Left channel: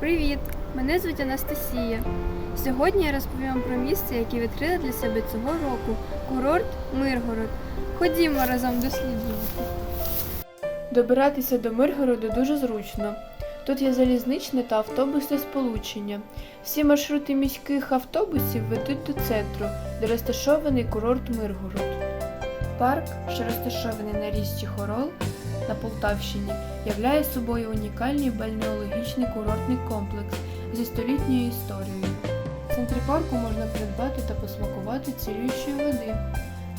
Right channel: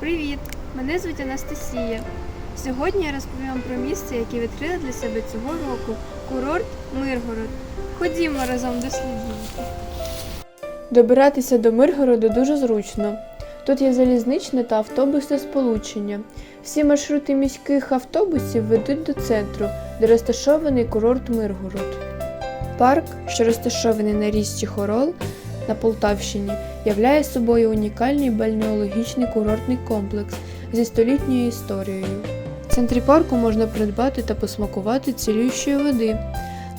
Привіт! Мене звуть Анастасія. Сьогодні я розповім про місце, яке відкрили для себе цього року курорт Миргород. Ходімо разом досліджувати. Добиратися до Миргороду дуже зручно. Тут є залізничне та автобусне сполучення. Всі маршрути міських автобусів ведуть до центру, де розташований курорт Миргород. Парк, що розташований на річці Хорол на Полтавщині, являє собою унікальний бальнеологічний курортний комплекс зі столітньою історією. В центрі парку можна придбати та посмакувати цілющої води.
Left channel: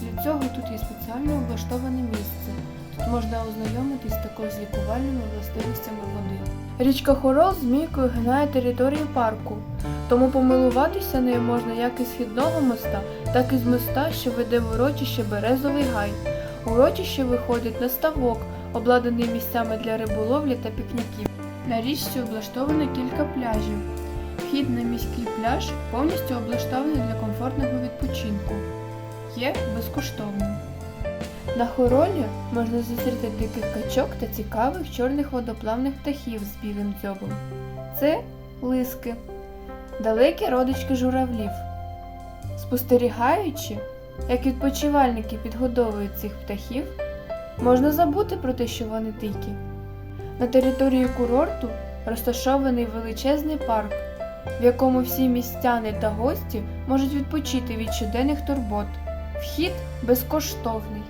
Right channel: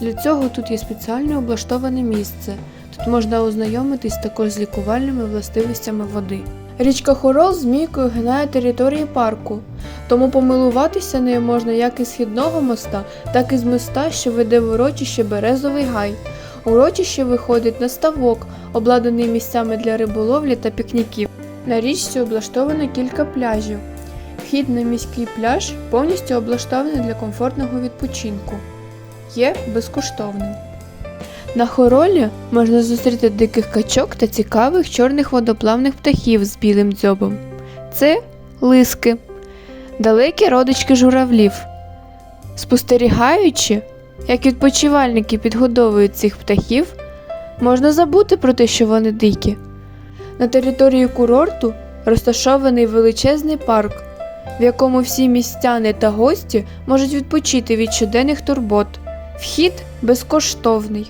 Для цього тут є спеціально облаштоване місце. Тут можна ознайомитись також з лікувальними властивостями води. Річка Хорол змійкою гинає територію парку, тому помилуватися нею можна як із східного моста, так і з моста, що веде в урочище Березовий гай. Урочище виходить на ставок, обладнаний місцями для риболовлі та пікніків. На річці облаштовано кілька пляжів. Вхід на міський пляж повністю облаштований для комфортного відпочинку. Є безкоштовним. На хоролі можна зустріти диких качок та цікавих чорних водоплавних птахів з білим дзьобом. Це лиски, далекі родички журавлів. Спостерігаючи, як відпочивальники підгодовують цих птахів, можна забути про те, що вони дикі. На території курорту розташований величезний парк, в якому всі містяни та гості можуть відпочити від щоденних турбот. Вхід безкоштовний.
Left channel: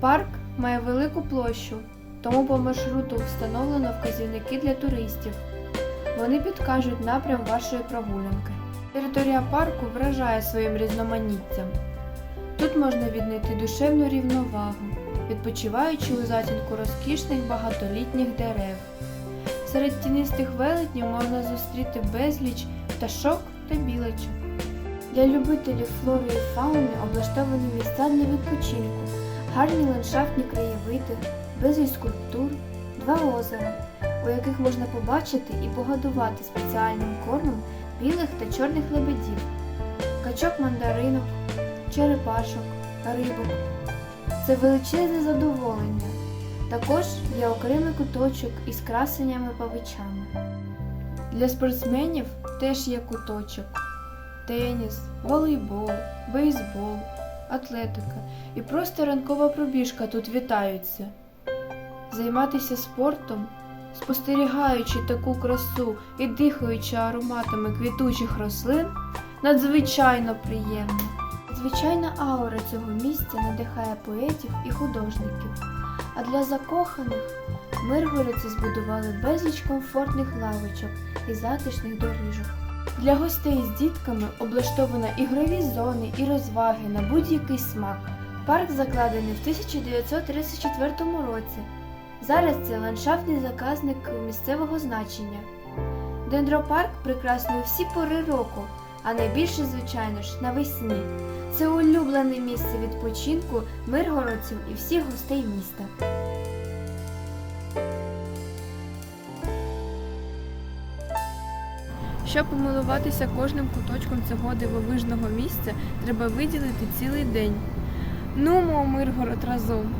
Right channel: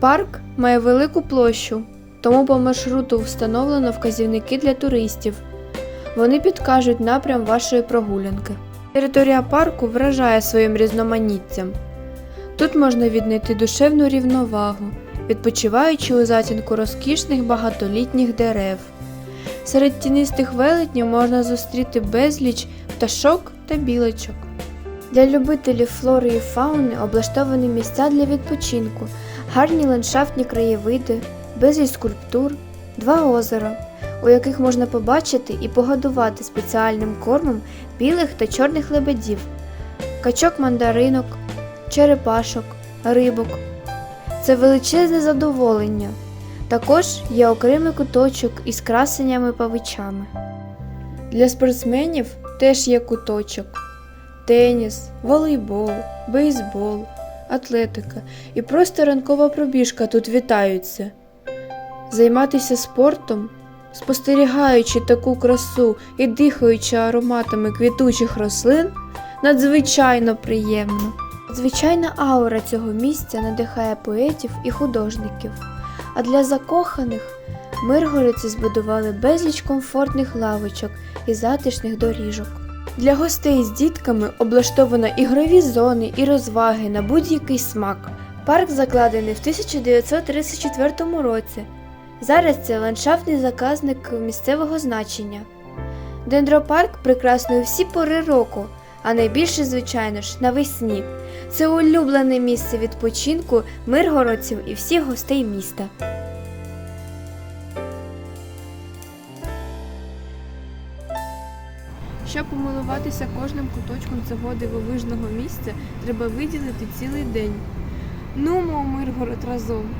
Парк має велику площу, тому по маршруту встановлено вказівники для туристів. Вони підкажуть напрям вашої прогулянки. Територія парку вражає своїм різноманіттям. Тут можна віднайти душевну рівновагу, відпочиваючи у затінку розкішних багатолітніх дерев. Серед тінистих велетнів можна зустріти безліч пташок та білочок. Для любителів флори і фауни облаштовані місця для відпочинку, гарні ландшафтні краєвиди, безліч скульптур, два озера, у яких можна побачити і погодувати спеціальним кормом білих та чорних лебедів, качок мандаринок, черепашок, рибок. Це величезне задоволення. Також є окремий куточок із красенями павичами. Для спортсменів теж є куточок теніс, волейбол, бейсбол, атлетика і просто ранкова пробіжка тут вітаються. Займатися спортом, спостерігаючи таку красу і дихаючи ароматами квітучих рослин, надзвичайно приємно. Звичайна аура цього місця надихає поетів і художників. А для закоханих миргородці збудували безліч комфортних лавочок і затишних доріжок. Для гостей з дітками облаштовано ігрові зони і розваги на будь-який смак. Парк закладений в 1934 році. Зараз це ландшафтний заказник місцевого значення. Дендропарк прекрасний всі пори року, а найбільше, звичайно ж, навесні. Це улюблене місце відпочинку миргородців і всіх гостей міста. Щоб помилуватися кожним куточком цього дивовижного місця, треба виділити цілий день. Ну, мов Миргород разом.